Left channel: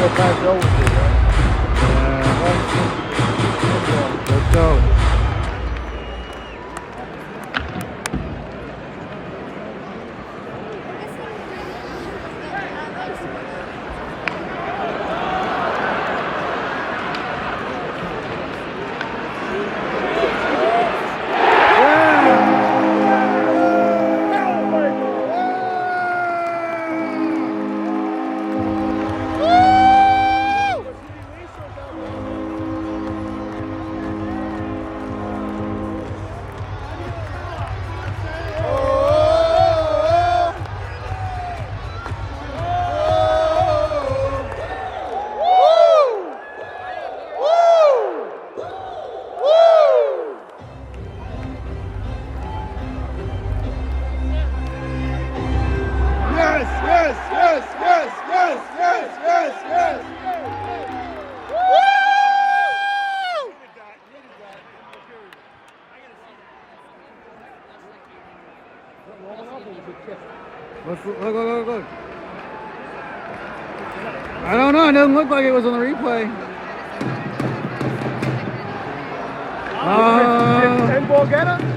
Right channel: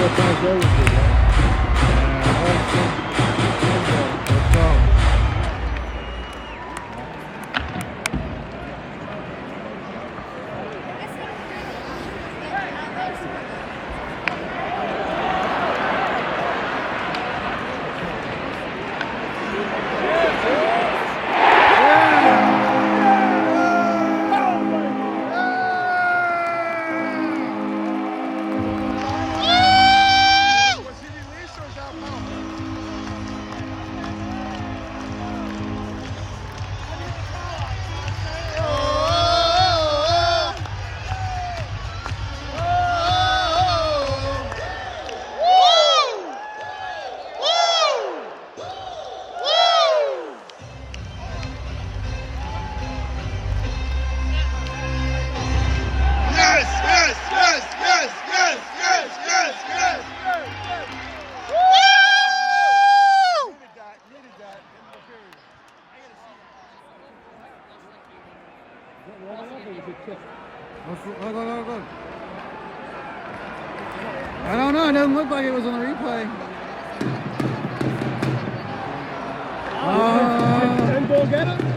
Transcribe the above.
still pass over to you. Let's go. Look. I don't know. It doesn't look like it was on the replay. And ball get him?